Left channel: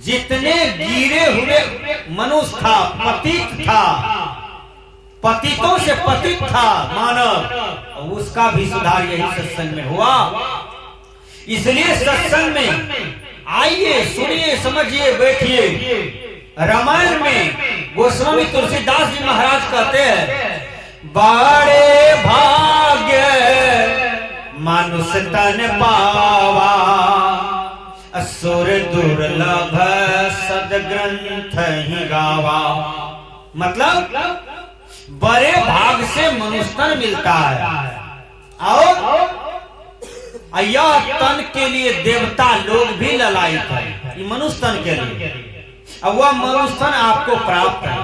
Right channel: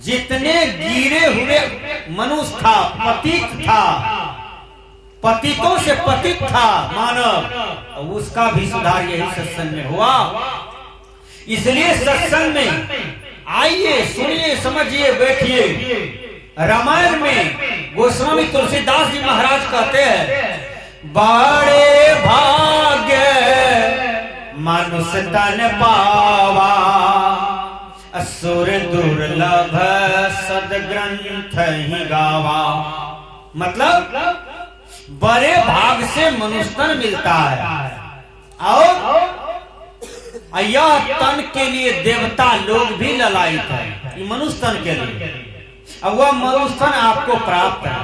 जितने गिरे हुए मनुष्य था, पतित था, पतितों से पतित था मानव, उसका भी सुधार यही सत्संग में हुआ। इसलिए सत्संग में आइए, सुनिए, समझिए, बैठिए। रामायण में गोस्वामी तुलसीदास जी महाराज कहते हैं, बड़े भाग्य मनुष्य तन पावा, असुर दुर्लभ सदग्रंथ ही गावा। मतलब बड़े भाग से मनुष्य तन मिलता है, और यह तन के लिए देवता लोग भी ललायित है, मनुष्य तन के लिए। अब वह मनुष्य तन आपको प्राप्त है।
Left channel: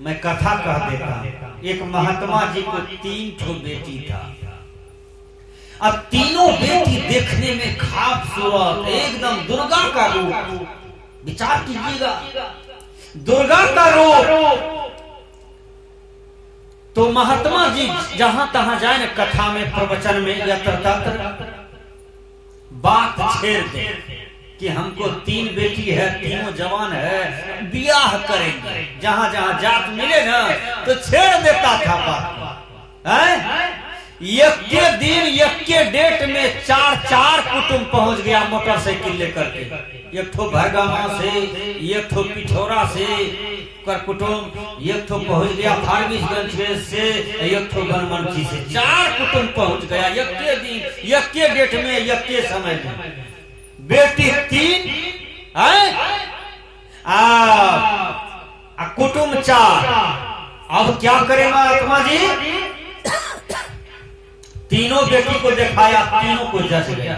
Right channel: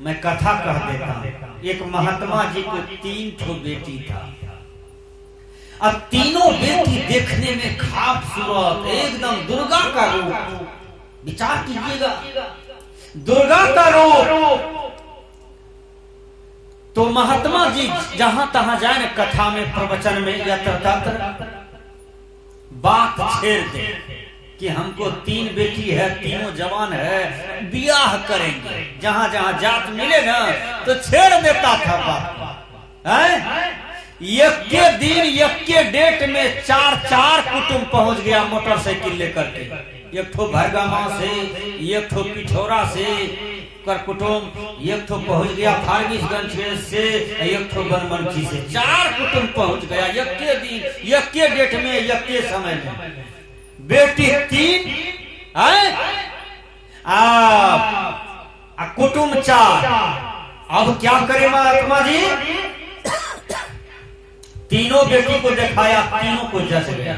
मैं कथा कह देता हूं। एक महात्मा जी को 3 ठो बेटी था। अब तीनों बेटी देखने में खूबसूरत, एकदम दुर्गा का रूप। विचार कीजिएगा, दुर्गा का रूप। तो महात्मा जी जहां तहां जाए न, कथा में, प्रवचन में, यत्र तत्र बात छेड़ दे कि हमको 3 बेटी है, तीनों जवान है, ब्याह करेंगे। जहां जहां जात मिले ना तो छेड़ देता था बात। एक के दिन, एक के डेट में 4 कुटुंब पहुंच गया मोटरसाइकिल लेकर के। एक ठो भरगामा से, एक ठो पिठौरा से कर कुटुंब, एक ठो पहुंच गया फारबिसगंज से, एक ठो बनमनखी से। 4 कुटुंब पहुंच गया एक के दिन, एक के डेट में, एक के समय में। बेटी 3 है, कुटुंब 4। अब क्या करे महात्मा जी? तीनों बेटी को दिखाया, तीनों को जच गया।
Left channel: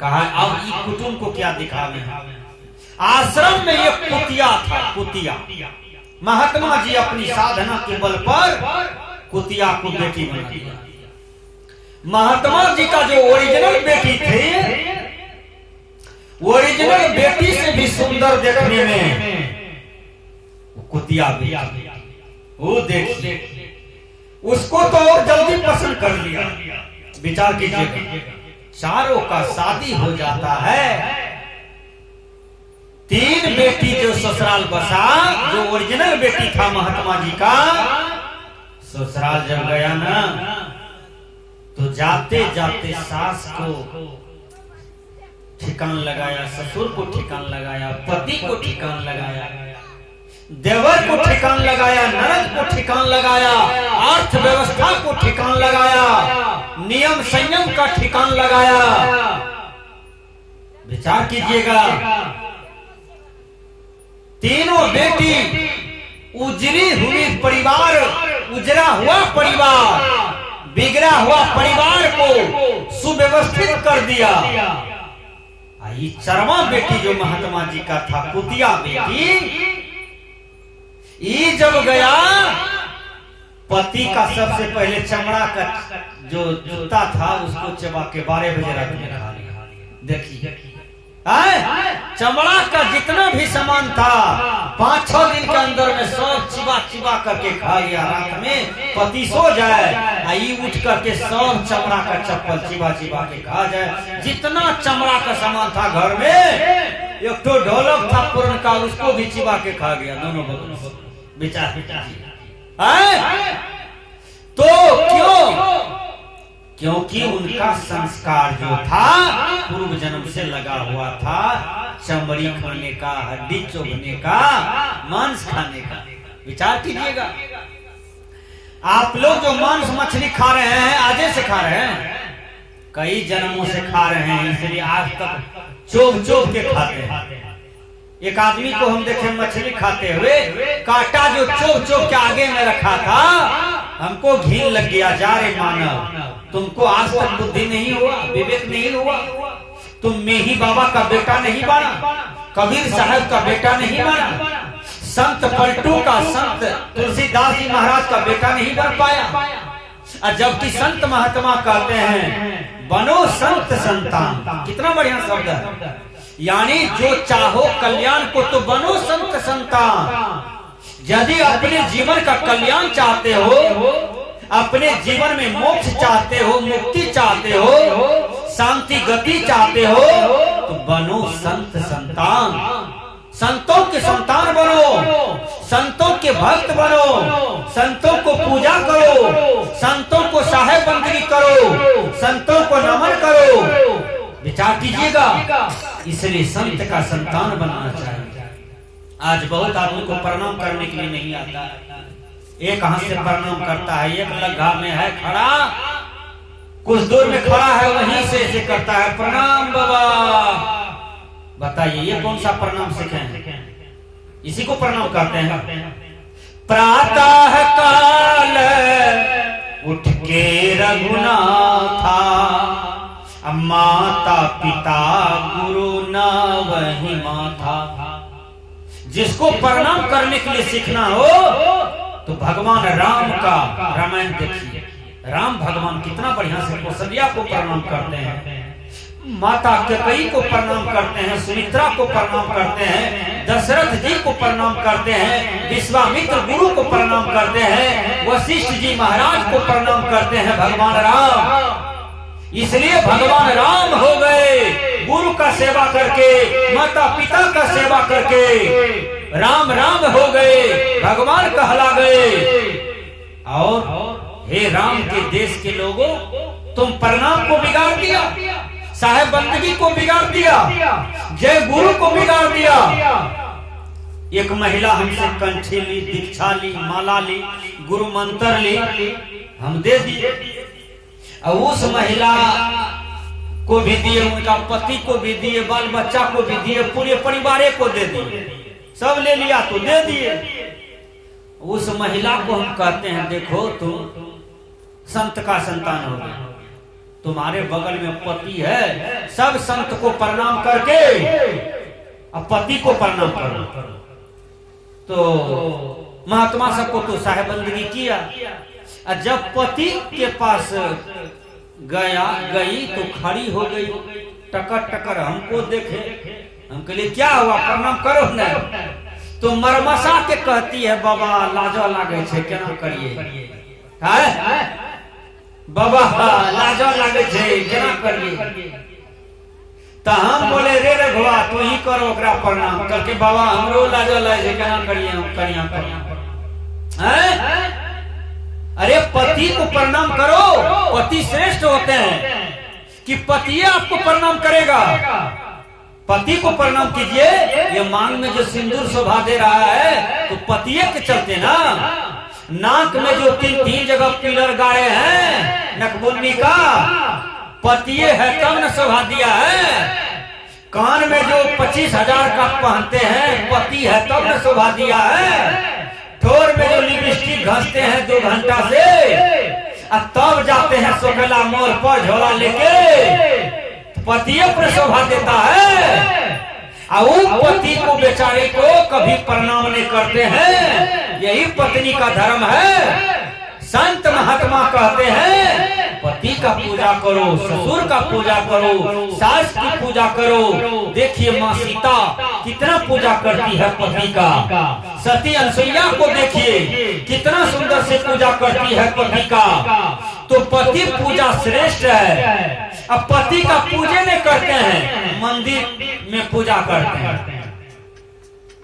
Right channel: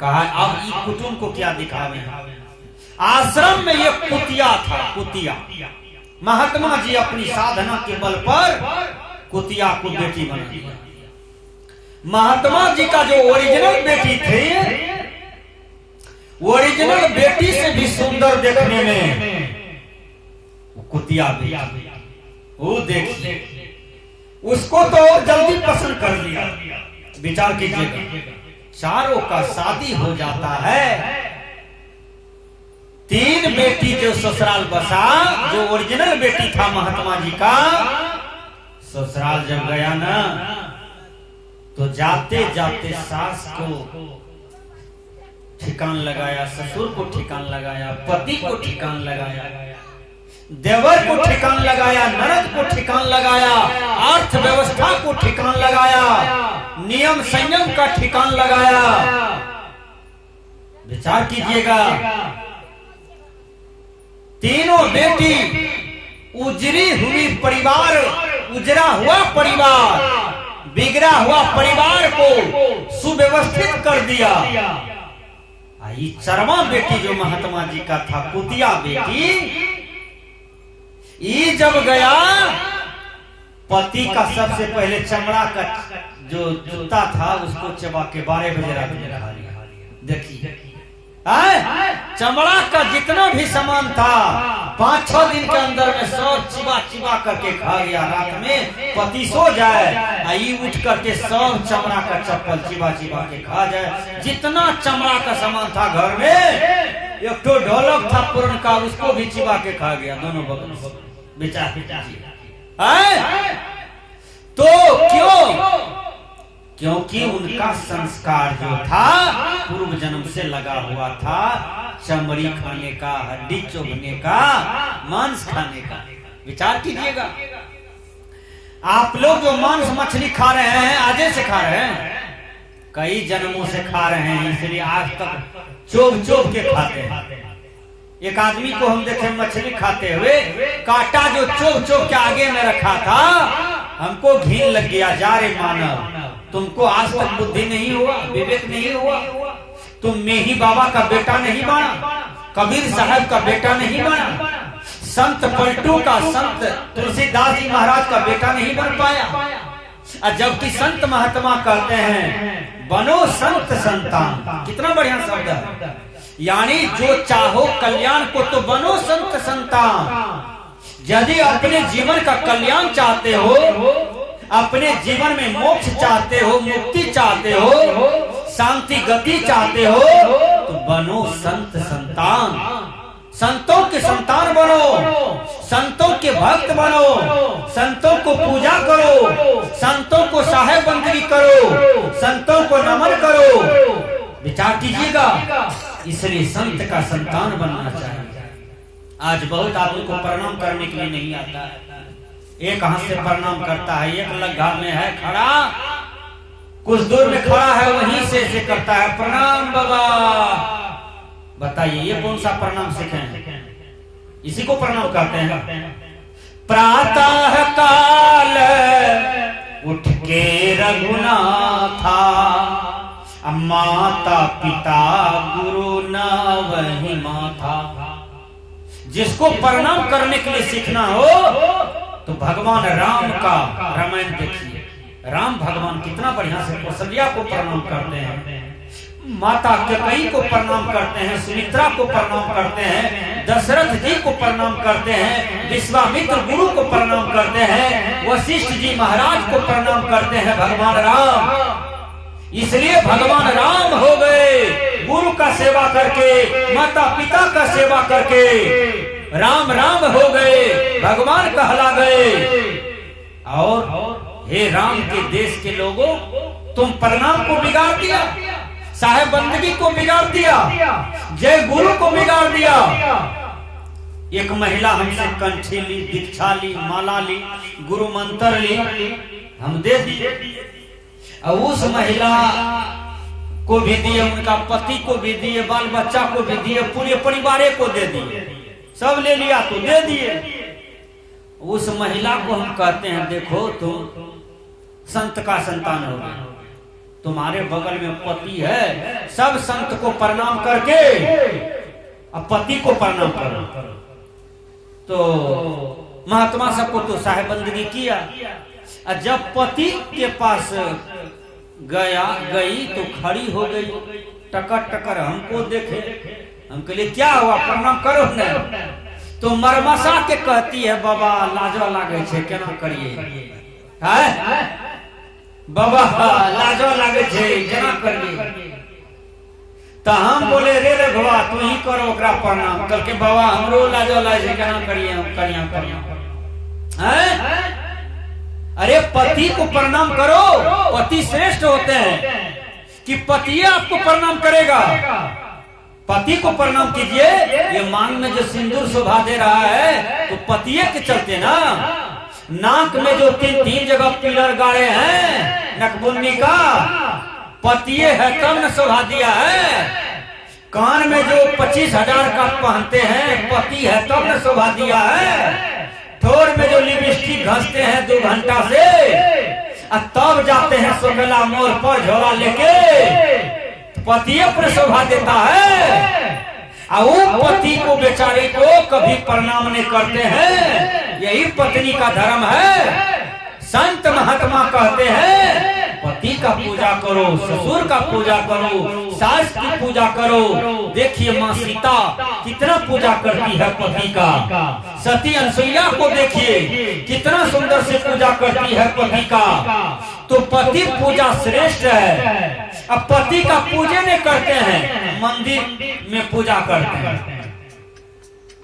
कहा अब इस कुटुंब को क्या दिखावे। आश्रम में एक कुतिया था, कुतिया। महात्मा जी अपनी साधना के बल पर कुतिया को बेटी बना दिया। महात्मा जी का जो ओरिजिनल बेटी थी, ओरिजिनल बेटी से भी सुंदर देखने में कुतिया बेटी। वो देखिए, उसको तो और जल्दी पसंद कर लिया। विचार कीजिएगा, चारों का शादी हो जाता है। 3 बेटी जो ससुराल बसा, जो ओरिजिनल बेटी था महात्मा जी का, ससुराल जब गया ना तो जाते जाते सास को ठिकान लगाया, ससुर को ठिकान लगाया, पति को ठिकान लगाया, देवर को ठिकान लगाया, नरक को ठिकान लगाया, अर्थव्यवस्था को ठिकान लगाया, नियम संयम का ठिकान लगाया। विचार कीजिएगा, तीनों बेटी उजरी हुई परिवार, उजरा हुआ परिवार, बिगड़ा हुआ परिवार को सुव्यवस्थित कर दिया। आई चरवा बेटी जो महात्मा जी का था, कुतिया बेटी, ये जब गया, पति का सबसे पहले चमड़ा का जो जूता था उसको चबा के 12 बजे रात में खा लिया। देखिए, चमड़ा का जितना भी सामान था 5-6 दिन के अंदर में सब चिबा चिबा करके खा लिया। रात में पति सो जाए, आई उठ करके सब चमड़ा का चप्पल चिबा चिबा के खा जाए। जितना चमड़ा का सामान था घर में, एक तो ढोलक था पुरन का, उसको भी चिबा के खा गया दोनों बगल से। विचार तो क्यों? क्योंकि उनका संस्कार जो था पूर्व जन्म से लगा हुआ था, चमड़ी खाने का, हड्डी चुभने का, मांस खाने का। विचार कीजिएगा, आप लोग जो मांस मछली खा रहे हैं, आजे से खा रहे हैं, कई जन्मों से खा रहे हैं, इसलिए आज तक चोभ चोभ के खाते हैं। एक आदमी को हम देखे मछली खाते हुए, कांटा जो चोभ चोभ के आगे में रखा था, हमको घिन लग गया। जा रे मानव, तुमको आज तक बुद्धि नहीं हुआ, विवेक नहीं हुआ, तुम मेही बाबा का बेटा नहीं बना, कबीर साहब का बेटा नहीं बना, संत पलटू का, संत तुलसीदास जी महाराज का बेटा नहीं बन पाया। और जबकि संत महात्मा कहते हैं बनो संत संतान, कितना बढ़िया शब्द है। यानी जो चाहो कल्याण को तो बनो संत संतान। यदि अपने जीवन का कल्याण चाहते हो, अपने जीवन में मोक्ष चाहते हो, मुक्ति चाहते हो, शांति गति चाहते हो तो बनो संत संतान, संतों के संतान बनो, संतों के भक्त बनो, संतों को पूजा करो, संतों को साहेब बंदगी करो, संतों को नमन करो। विचार कीजिएगा, इसलिए संत का संतान बनना चाहिए। आज बहुत आदमी को प्रणाम करने के लिए नहीं आता है, एक हाथ से प्रणाम करता है, एक लग्गा में है खड़ा, कुछ दूर में खड़ा है, वहीं से करता है प्रणाम बाबा। बताइए ये कौन सा प्रणाम सीखे हैं? इसी को प्रणाम करते हैं। प्रातः काल उठ के रघुनाथा, माता पिता गुरु न वही माथा। जिसको प्रणाम करने के लिए सीखना हो तो भगवान राम का रामायण देखिए। राम भगवान कितना बढ़िया से कौशल्या को प्रणाम करते हैं, माता कैकेयी को प्रणाम करते हैं, सुमित्रा को प्रणाम करते हैं, दशरथ जी को प्रणाम करते हैं, विश्वामित्र गुरु को प्रणाम करते हैं, वशिष्ठ जी महाराज को प्रणाम करते हैं भगवान राम। इसलिए भगवान राम हो गए गुरु का सेवा करके, माता पिता का सेवा करके राम राम हो गए, भगवान कहला गए। और हे राम के देश के लोगों, तुम प्रणाम को बिगाड़ दिया, साहेब बंदगी को बिगाड़ दिया, जय गुरु को बिगाड़ दिया। एक महिला हमसे कंठी ली, दीक्षा ली, माला ली, गुरु मंत्र ली, हम दे दिए। और उस महिला को भी दिए, उनका पति को भी दिए, बाल बच्चा को भी दिए, पूरे परिवार को दे दिए, सब ले लिया तो दे दिए। उस महिला को हम कहते हैं देखो तुम संत का संतान हो गए, तुम्हारे बगल में पति है, सब संत को प्रणाम करके अब पति को प्रणाम करो। तो महात्मा सबको तो साहेब बंदगी किया, और जब पति के पास गई तो खड़ी हो गई, टकर टकर हमको देखे, हम कहले क्या हुआ, प्रणाम करो न। तो मरमसा के कहती है बाबा लाजो लागे छे, केना करिए है बाबा, लाजो लागे छे केना करिए। तो हम बोले रे रघुआ तू ही करो ओकरा प्रणाम। कल के बाबा हमरो लाजो लागे छे केना करिए, हम करिया है। अरे पति को प्रणाम करो, पति श्रेष्ठ होते हैं कि पति आपको प्रणाम करेगा। पति को प्रणाम कीजिए। ये मांग में जो सिंदूर शोभा दे रहा है तो पतिये के चलते ना। नाक में जो तीन जगह पिलर गाड़े हैं नकबुन्नी का, पतिये है तब न शोभा दिया है। कान में जो 25,000 का पहनते हैं, पति है तब न शोभा दिया है। ठोर में जो लिपस्टिक घसते हैं 2 घंटा से, और तब जाते हैं सोगला मोड़ पर झोला लेके, पतिये पर शोभा देता है। और वो पति को बेचारे को कभी प्रणाम नहीं करते हैं। यही पत्नी का धर्म है। संत महात्मा कहते हैं पति का पूजा करो, ससुर का पूजा करो, सास की पूजा करो। देखिए माँ सीता कितना पूजा करती है पति का। सती अनसुईया को देखिए कितना सुंदर से पूजा करती है पति का। तो पति पूजा श्रेष्ठ है। अब पति का पूजे नहीं करते हैं, मंदिर में पूजा करते हैं।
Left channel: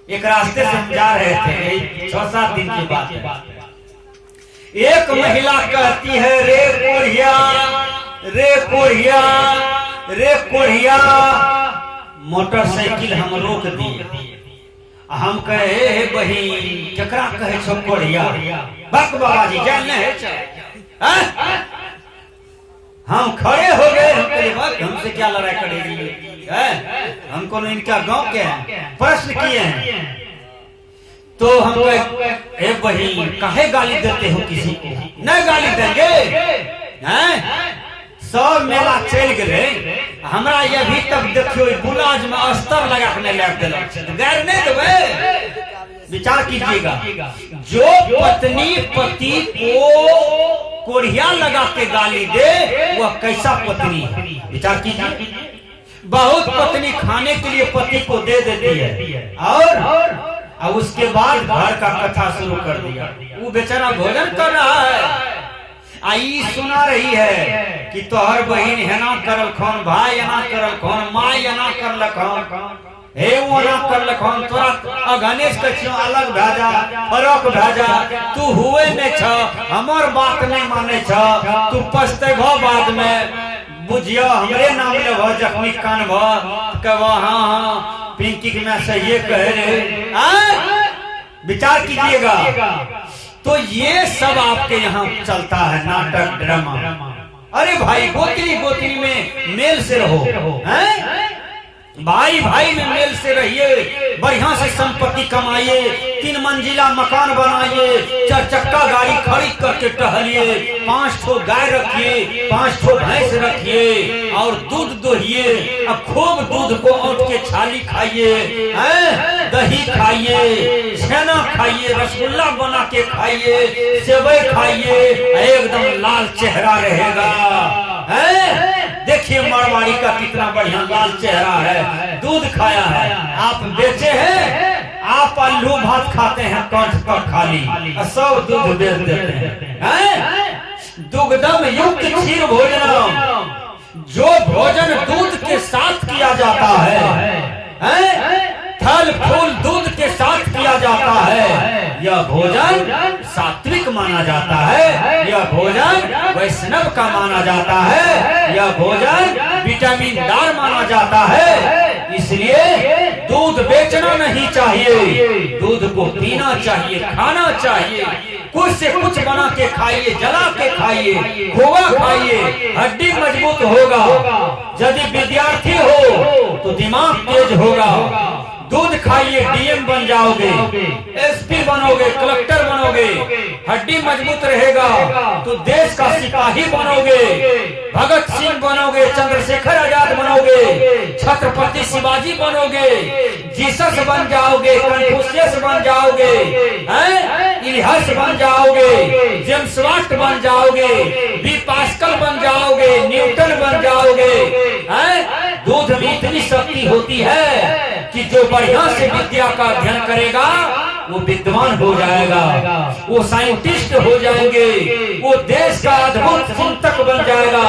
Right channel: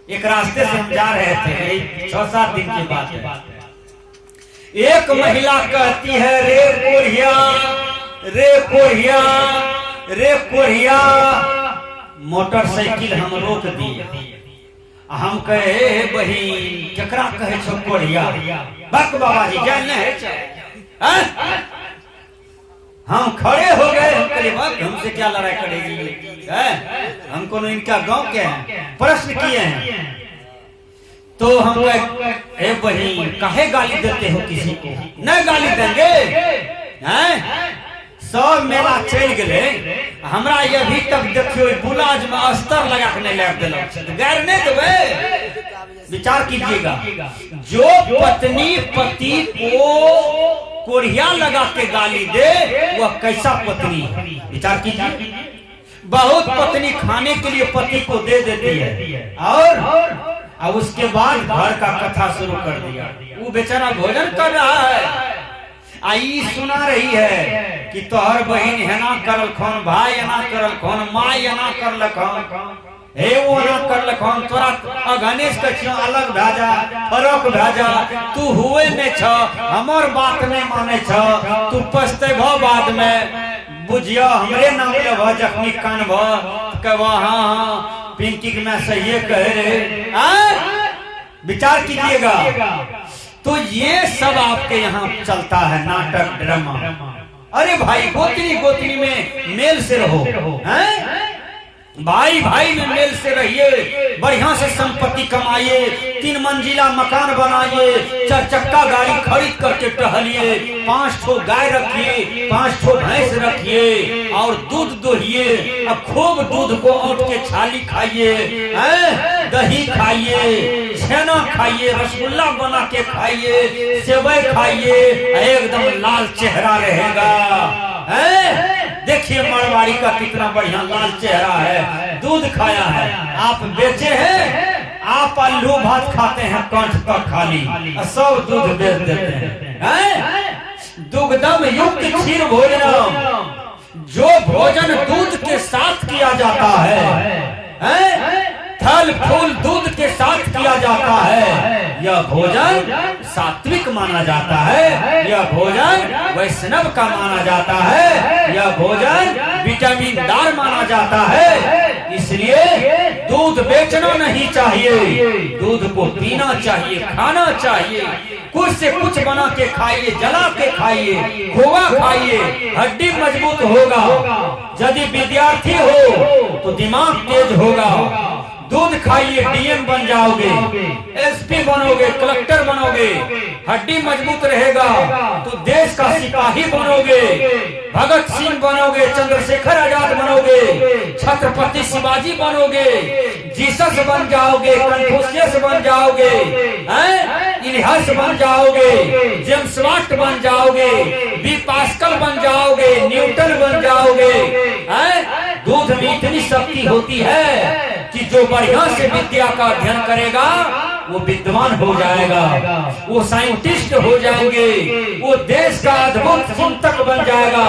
एक रास्ते से हम जा रहे थे, 6-7 दिन की बात है। एक महिला कहती है रे कोढ़िया, रे कोढ़िया, रे कोढ़िया। मोटरसाइकिल हम रोक दिए। हम कहे बहिन केकरा कहे छो कोढ़िया? बक बाबा जी जान है। हम खड़े हो गए, हम कहे बक हमसे क्या लड़ाई करेगी है? हमको इनका गांव के हैं, प्रश्न किए हैं। तो हम ए बहिन काहे गाली देते हो किसी को? नहीं गाली देंगे हैं? सब मेला चल गए, हमरा ये अभी तक देखियो गुलाज में अस्तर लगा के नहीं लग दिल, गैर नहीं देवे। विचार कीजिएगा, जो पत्नी पति को कोढ़िया लगा के गाली दे वह कैसा पत्नी है? विचार कीजिए। बहुत पत्नी खाने के लिए पति को दे देती है और उसके बाद घर का कथा शुरू कर दिया। वो बेचारा भोजन कर रहा है आई सुना रही है कि तोहर बहन हेना करल खौन, भाई एना करल खौन, माई एना करल खौन, हे वो ना कर लखन तोरा गणेश के क्यों अलग भेजा, फरक भेजा, तू हुए नहीं छ, हमर बात नहीं माने छ, तू पछते भो बाद में, बुझियो हमरे नाम ले भ जखनी कान भ कह हाँ पिंकी के मैं सही कह रहे, विचार कीजिएगा। तो ये सब आपके यहाँ चलता है नाटक ड्रामा। अरे भाई गोत्री गोत्री में मेल से रहो, हैं? भाई भाई में मेल से रहिए, बढ़िया से संपत्ति कमाइए, 3 मंजिला मकान बनाइए, 4 चक्का गाड़ी खरीद करके टहलिए, 5 ठो गाय रखिए, 5 ठो भैंस रखिए और दूध दोहिए, अब खूब दूध को औट के छाली खाइए, दही खाइए, छेना खाइए, रसगुल्ला बना के खाइए, सेवई खाइए, एकदम लाल चेहरा रहेगा। देखिए मारवाड़ी का कितना बढ़िया लाल चेहरा है, दूध खाया है। आप बेचे हैं, आप आलू भात खाते हैं कंठ तक खाली, सब दूध बेच देते हैं। दुग्धम युक्त क्षीर भोजनम, जो भोजन दूध के साथ किया जाता है, फल फूल दूध के साथ किया जाता है, यह भोजन सात्विक माना जाता है, यह भोजन वैष्णव का माना जाता है, यह भोजन विटामिनदार माना जाता है। इसलिए दूध बेचना नहीं चाहिए, दूध को पीना चाहिए, खाना चाहिए, कुछ से कुछ बना के खाइए, जला के खाइए, खोआ खाइए, हड्डी मजबूत होगा। यदि विद्यार्थी हो तो दिमाग तेज होगा। दूध खाइए, डीएम बन जाओगे, एसपी बनोगे, कलेक्टर बनोगे, हड्डी मजबूत रहेगा तो देश का सिपाही बनोगे, भगत सिंह बनोगे, चंद्रशेखर आजाद बनोगे, छत्रपति शिवाजी बनोगे, जीसस बन जाओगे, कन्फ्यूशियस बन जाओगे, इलियस बन जाओगे, जेम्स वाट बन जाओगे, बी पास्कल बन जाओगे, न्यूटन बन जाओगे। दूध में इतनी शक्ति होती है कि जो बढ़िया से विद्या का अध्ययन करेगा वो विद्वान हो जाएगा, वो साइंटिस्ट हो जाएंगे, वो देश का अद्भुत चिंतक बन जाएगा,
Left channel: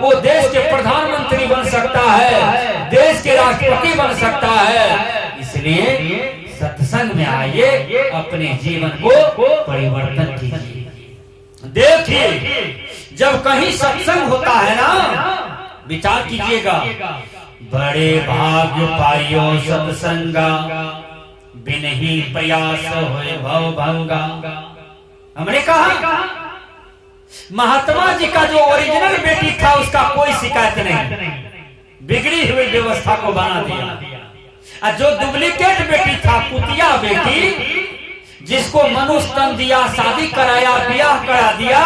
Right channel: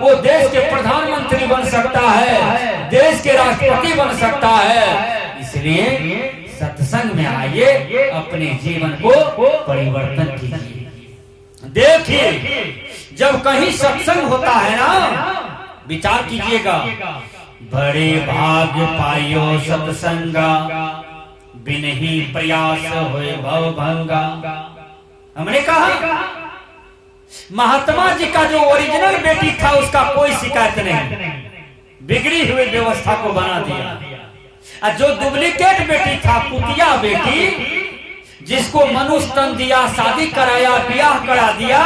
वो देश के प्रधानमंत्री बन सकता है, देश के राष्ट्रपति बन सकता है। इसलिए सत्संग में आइए, अपने जीवन को परिवर्तन कीजिए। देखिए जब कहीं सत्संग होता है ना, विचार कीजिएगा, बड़े भाग्य पाइयो सत्संगा, बिन ही प्रयास होए भव भंगा। हमने कहा महात्मा जी का जो ओरिजिनल बेटी था उसका कोई शिकायत नहीं, बिगड़ी हुई व्यवस्था को बना दिया। और जो डुप्लीकेट बेटी था, कुतिया बेटी, जिसको मनुष्य तन दिया, शादी कराया, ब्याह करा दिया,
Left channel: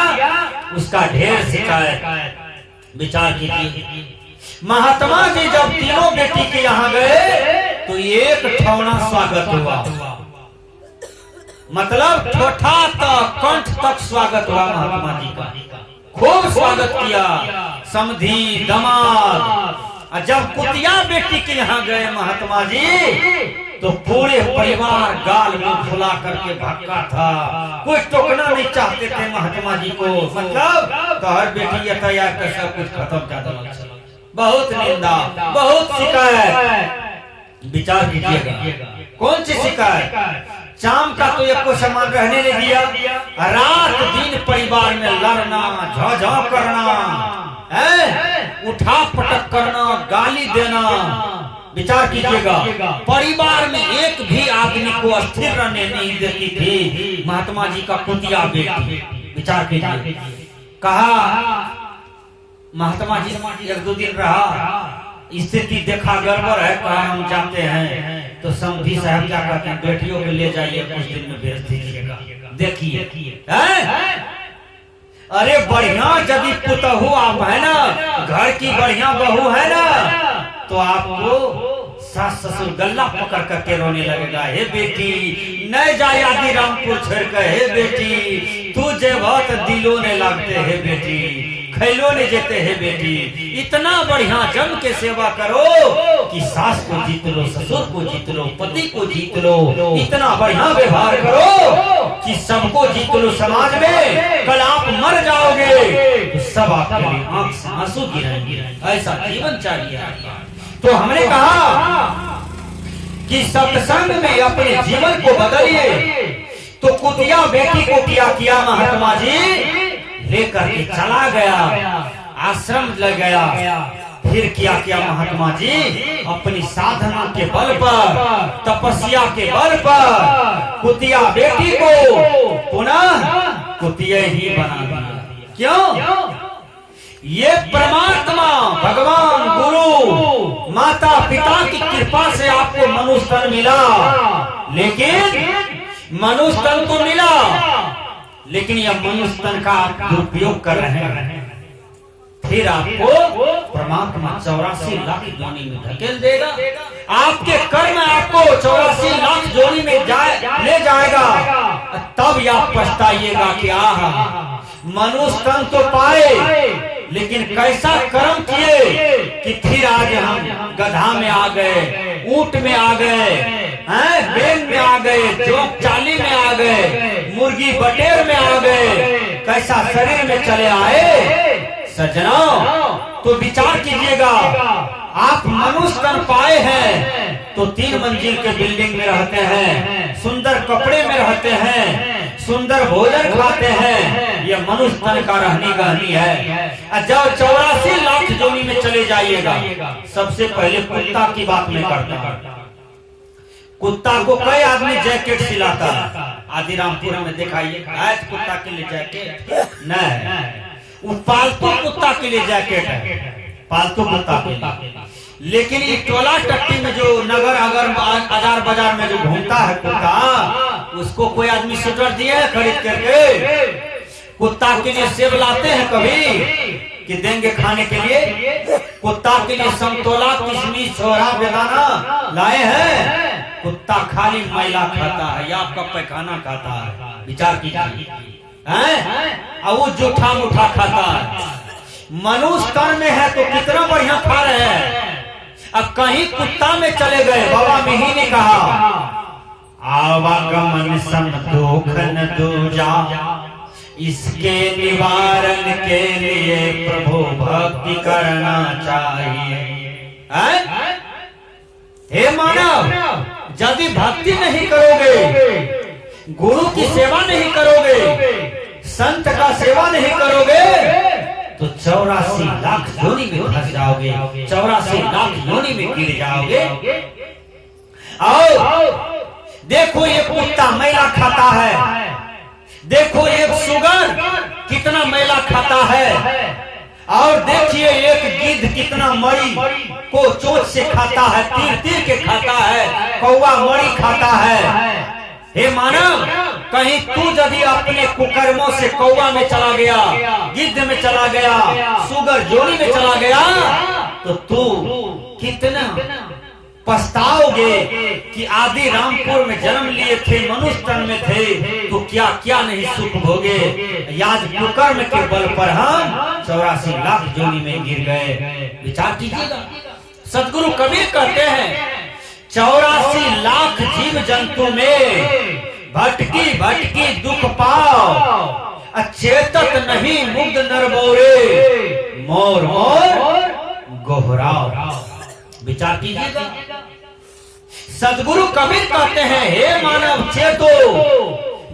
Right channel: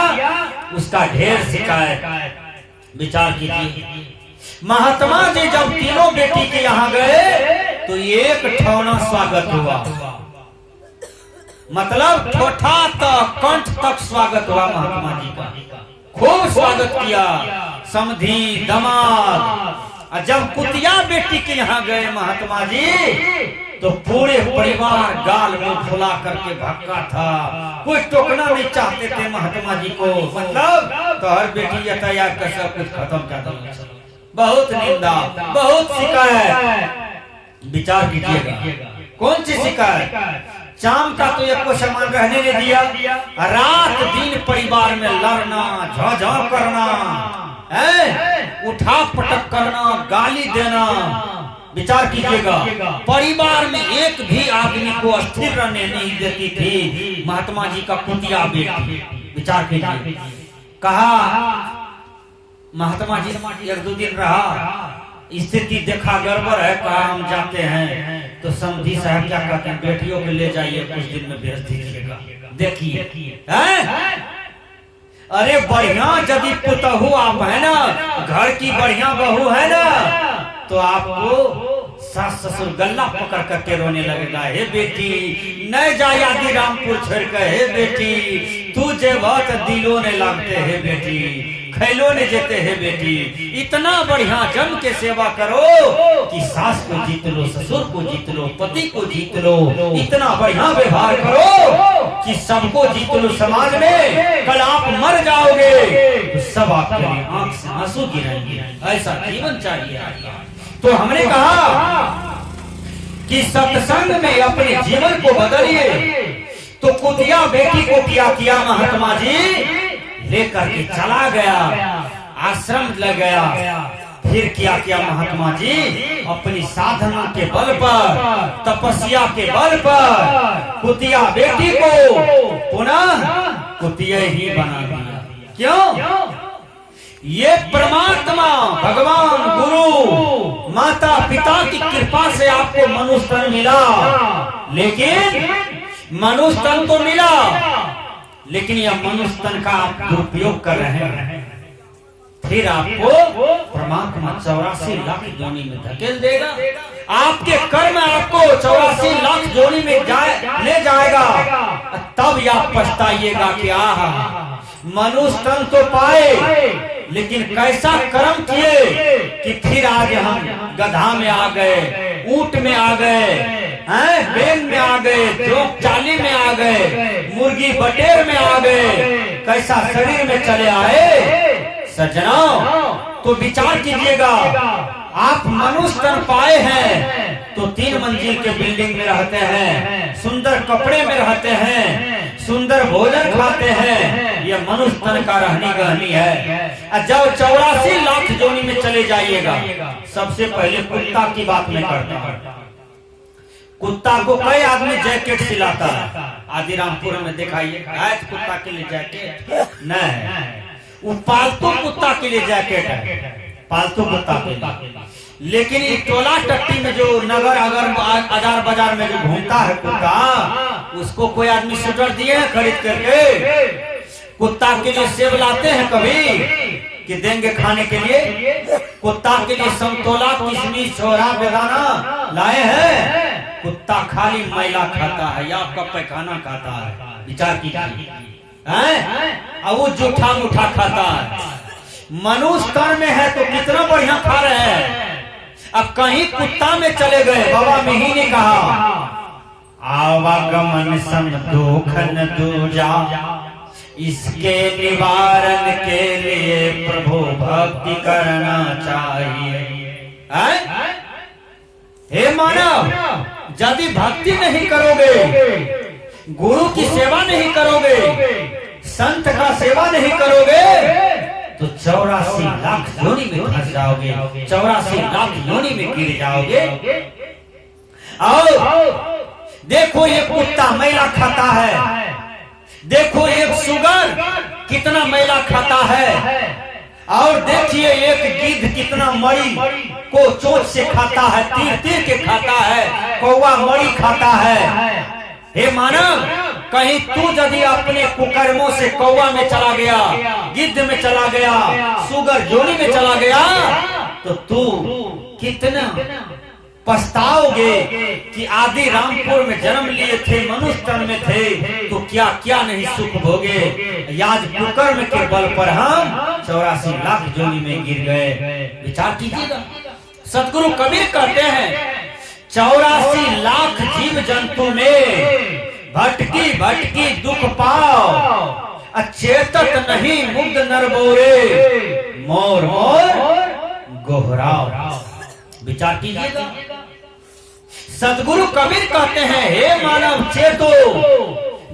उसका ढेर शिकायत। विचार कीजिए, महात्मा जी जब तीनों बेटी के यहाँ गए तो एक ठौना स्वागत हुआ, मतलब ठोठा तक, कंठ तक स्वागत हुआ महात्मा जी का, खूब स्वागत किया, समधी दमाद। और जब कुतिया बेटी के यहाँ गए महात्मा जी तो पूरे परिवार गाल मुंह फुला करके भक्का था, कोई टोकना नहीं चाहते थे महात्मा जी को, मतलब तो हर बेटी यातायात का सब कुछ खत्म कर दो, बहुत निंदा, बहुत शिकायत। विचार कीजिएगा, कौन सी शिकायत? शाम का तो एक को सामान रहने नहीं दिया, रात दिन परिवार में लड़ना, झोझो करना, उठा पटक करना, गाली देना। विचार कीजिएगा, परिवार में एक भी आदमी को स्थिर रहने नहीं देती थी महात्मा जी का कुतिया बेटी। विचार कीजिए, कहा महात्मा जी 1-2 दिन रहा, स्थिति देखा गड़बड़ है, कहा हम जाते हैं। तो समधी साहब क्या कहते हैं, बेटियों को ले जाइए, कुछ दिन में भेज दीजिएगा। देखिए अरे बढ़िया यदि पुतहू आप है ना, घर की बढ़िया बहू है ना, तो आपको सास ससुर गल्ला पकड़ करके रोने लगेगा, हे बेटी न जा यादी रामपुर छोड़ कर, हे बेटी तू जे बहुत दिलों ने लगते, हे बेटी खैलोने जेते है बेटी। इतना बढ़िया जम के सेवा करो कि सास को जीत लो, ससुर को जीत लो, पति को जीत लो। इतना बढ़िया व्यवहार करो कि सबको जीत लो समाज में। कल आप मर जाओगे तो सब आपके लिए आंख से आंसू गिरेंगे। ऐसा जीवन चाहिए आपका। तो हमने कहा कि सत्संग में अपने जीवन को बदलिए। तो कुतिया बेटी को किया महात्मा जी लेकर के चला गया, आश्रम लग गया। फिर किया महात्मा जी अपनी साधना के बल पर, तपस्या के बल पर कुतिया बेटी को पुनः कुतिया ही बना दिया। क्यों? ये परमात्मा भगवान गुरु माता पिता की कृपा से आपको मनुष्य तन मिला। लेकिन मनुष्य तन तो मिला, लेकिन यह मनुष्य तन का आप दुरुपयोग कर रहे हैं। फिर आपको परमात्मा 84 लाख जोनी में धकेल देगा। आपके कर्म आपको 84 लाख जोनी में ले जाएगा। तब आप पछताइएगा कि आहा मनुष्य तन तो पाए, लेकिन कैसा कर्म किए कि फिर आज हम गधा में आ गए, ऊंट में आ गए, बैल में आ गए, जोक चाली में आ गए, मुर्गी बटेर में आ गए। कैसा शरीर में चले आए। सज्जनों तो विचार कीजिएगा, आप मनुष्य तन पाए हैं तो 3 मंजिल के बिल्डिंग में रहते हैं, सुंदर कपड़े में रहते हैं, सुंदर भोजन खाते हैं। यह मनुष्य तन का रहनी गहनी है। जब 84 लाख जोनी में चले जाइएगा, सबसे पहले कुत्ता की बात में करता हूँ। कुत्ता को कई आदमी जैकेट सिलाता है। आदिरामपुर में दिखाइए कुत्ता के लिए जैकेट नहीं, वो पालतू कुत्ता के लिए जैकेट है, पालतू कुत्ता के लिए। लेकिन ये टोला टट्टी में जो नगर अगर बाजार बाजार में जो घूमता है कुत्ता, उसको कोई आदमी स्वेटर दिए है खरीद करके। कुत्ता के लिए सेब लाते हैं कभी कि देंगे खाने के लिए। कुत्ता के लिए संतोला, किशमिश, छोरा, बेदाना लाए हैं। कुत्ता खाली मैला खाता है या आपका पैखाना खाता है। विचार कीजिए, और वो जूठा मुठा खाता है। मनुष्य तन में है तो कितना बढ़िया खा रहे हैं। अब कहीं कुत्ता में चले गए, बाबा मिही ने कहा आवागमन सम दुख न दूजा, इसके निवारण के लिए प्रभु भक्ति करना चाहिए। हे मानव, यदि भक्ति नहीं करोगे, गुरु की सेवा नहीं करोगे, संत का सेवा नहीं करोगे, तो 84 लाख योनि में फंस जाओगे, 84 लाख योनि में गिर जाओगे। और देखो ये कुत्ता मैला खाता है, देखो ये सुगर कितना मैला खाता है, और देखिए एक गिद्ध कितना मरी को चोट से खाता है, तीर तीर के खाता है, कौवा मरी खाता है। हे मानव, कहीं तू यदि अपने कुकर्मों से कौवा में चला गया, गिद्ध में चला गया, सुगर जोड़ी में चला गया, तो तू कितना पछताओगे कि आदि रामपुर में जन्म लिए थे, मनुष्य तन में थे, तो क्या क्या नहीं सुख भोगे। याद कुकर्म के बल पर हम 84 लाख जोनी में गिर गए। विचार कीजिएगा। सतगुरु कबीर कहते हैं 84 लाख जीव जंतु में भटकी भटकी दुख पाओ, अचेतक नहीं मुग्ध नर बोरे, मोर मोर गोहराओ। विचार कीजिएगा। सदगुरु कबीर कहते हैं हे मानव चेतो,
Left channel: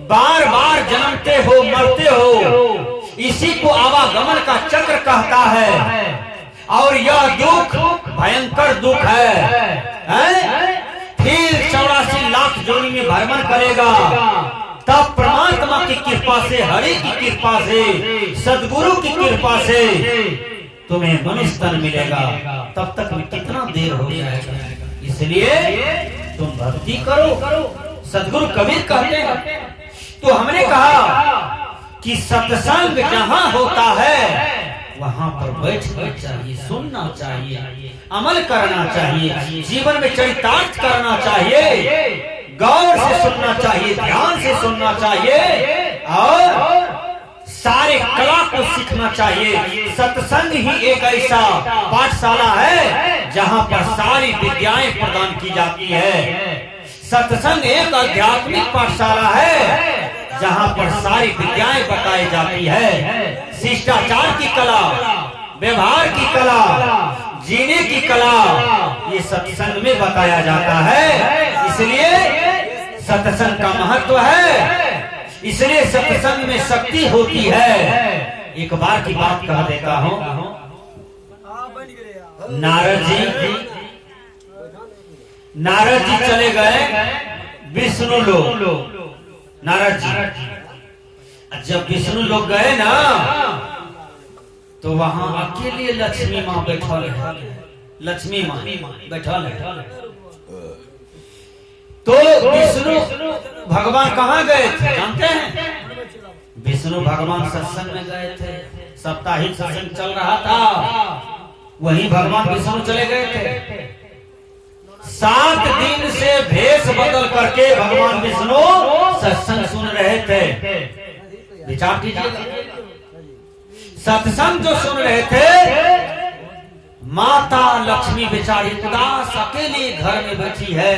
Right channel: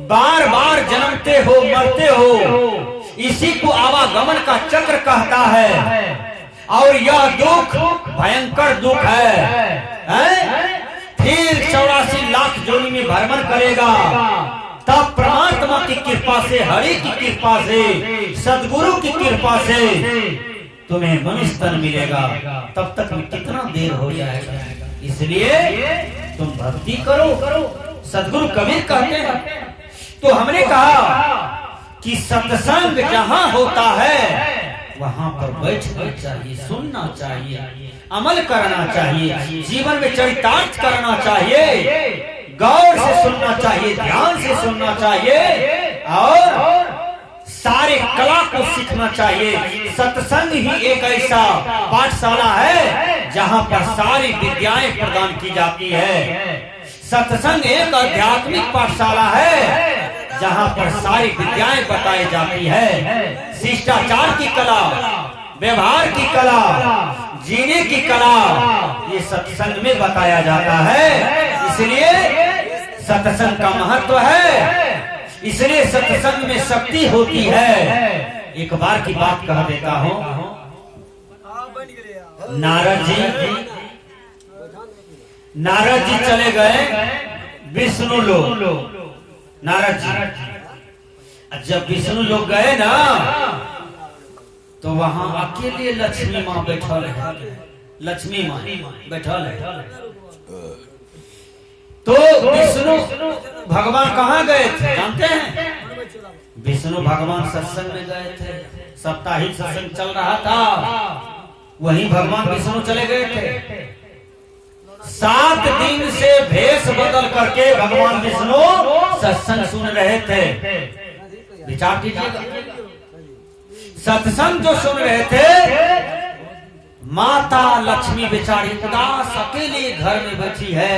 बार बार जन्मते हो मरते हो, इसी को आवागमन का चक्र कहता है। और यह दुख भयंकर दुख है। फिर 84 लाख जोनी में भ्रमण करेगा, तब परमात्मा की कृपा से, हरि की कृपा से, सदगुरु की कृपा से तुम्हें मनुष्य तन मिलेगा। तब तक में कितना देर हो जाएगा। इसलिए तुम भक्ति करो, सदगुरु कबीर कहते हैं। तो हमने कहा कि सत्संग जहाँ होता है वहाँ पर बैठना चाहिए, सुनना चाहिए, अमल करना चाहिए, जीवन में चरितार्थ करना चाहिए, गौर से सुनना चाहिए, ध्यान से सुनना चाहिए, और सारे कला को सीखना चाहिए। सत्संग ही एक ऐसा पाठशाला है जहाँ पर सारी विद्याएं प्रदान की जाती है। सत्संग एक आध्यात्मिक पाठशाला है जहाँ पर सारी विद्याएं बताई जाती है। शिष्टाचार की कला, व्यवहार की कला, जीने की कला, ये सत्संग में बताया जाता है। इसलिए सत्संग का महत्व है, इसलिए सत्संग में शक्ति होती है। एक बार की बात कह देता हूँ। नारद जी चले गए विष्णु लोक। नारद जी जब विष्णु लोग गए ना, तो वहां अकेले लक्ष्मी माँ बैठल है। लक्ष्मी माँ बैठल है। तो विष्णु भगवान कहाँ गए थे जानते हैं? विष्णु भगवान सत्संग में गए थे। साप्ताहिक सत्संग चल रहा था, वहीं भगवान विष्णु चले गए थे। 7 दिन से भेष बदल करके भगवान विष्णु सत्संग सुन रहे थे। विचार कीजिएगा, सत्संग जो सुन रहे थे, माता लक्ष्मी बेचारी उदास अकेले घर में बैठी है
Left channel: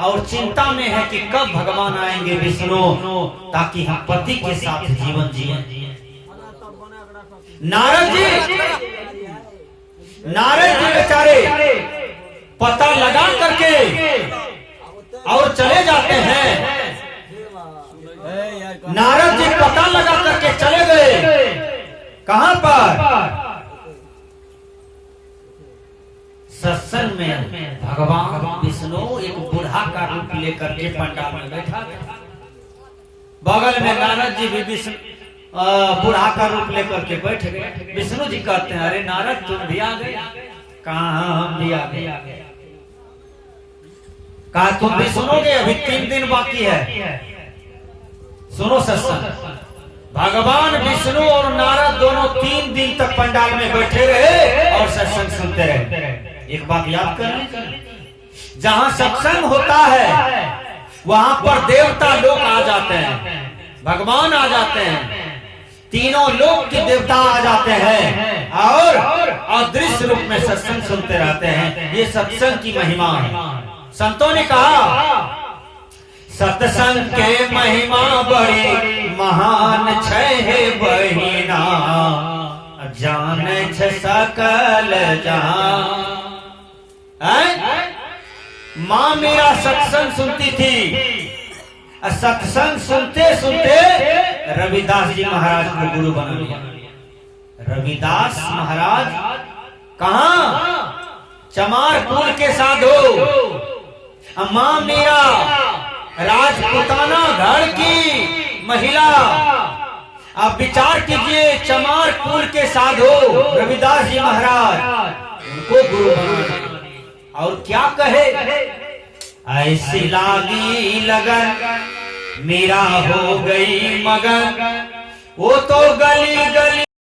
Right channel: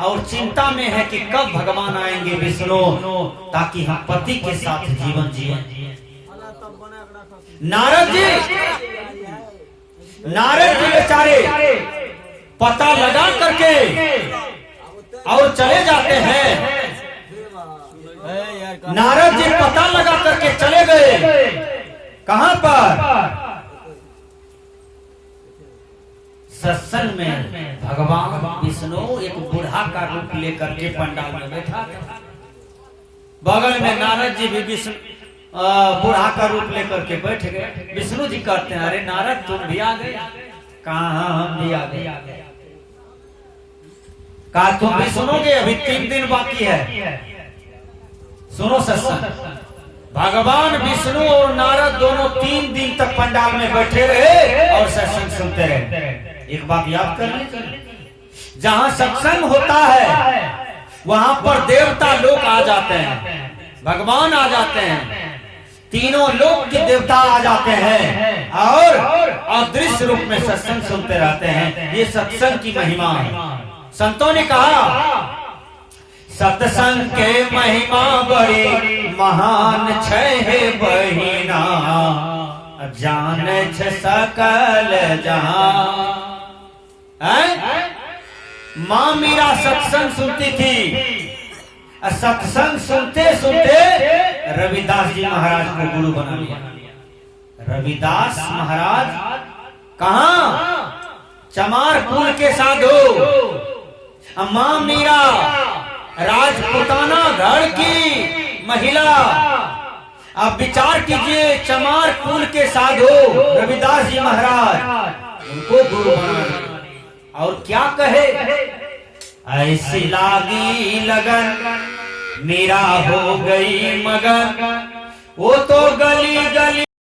और चिंता में है कि कब भगवान आएंगे विष्णु, ताकि हम पति के साथ जीवन जिए। नारद जी बेचारे पता लगा करके और चले जाते हैं। नारद जी पता लगा करके चले गए। कहां पर? सत्संग में भगवान विष्णु एक बूढ़ा का रूप लेकर के पंडाल में बैठा था। बगल में नारद जी भी विष्णु बूढ़ा का रूप लेकर के बैठ गए। विष्णु जी कहते हैं, अरे नारद तुम भी आ गए? कहाँ हम भी आ गए। कहा तुम भी सुनोगे, अभी 3 दिन बाकी है। सुनो सत्संग। भगवान विष्णु और नारद दोनों 3 दिन तक पंडाल में बैठे रहे और सत्संग सुनते रहे। एक बात याद कर लीजिए, जहाँ सत्संग होता है वहाँ पर देवता लोग आ जाते हैं, भगवान आ जाते हैं, तीनों लोक के देवता आ जाते हैं और अदृश्य रूप में सत्संग सुनते रहते हैं। ये सत्संग की महिमा है। संतों ने कहा सत्संग के महिमा बड़ी महान छै बहिना, जान छ सकल जहां। माँ मेरा सत्संग सुनती थी। सत्संग सुनते सुनते रविदास जी महाराज को गुरु बना लिया। रविदास महाराज कहाँ? चमार कुल के साधु। माँ मीरा राजपुताना घर की महिला। अब विचार कीजिए, चमार कुल के साधु रविदास जी महाराज, उनको गुरु बना। और क्या कहे, ऐसी लागी लगन मीरा हो गई मगन, वो तो गली गली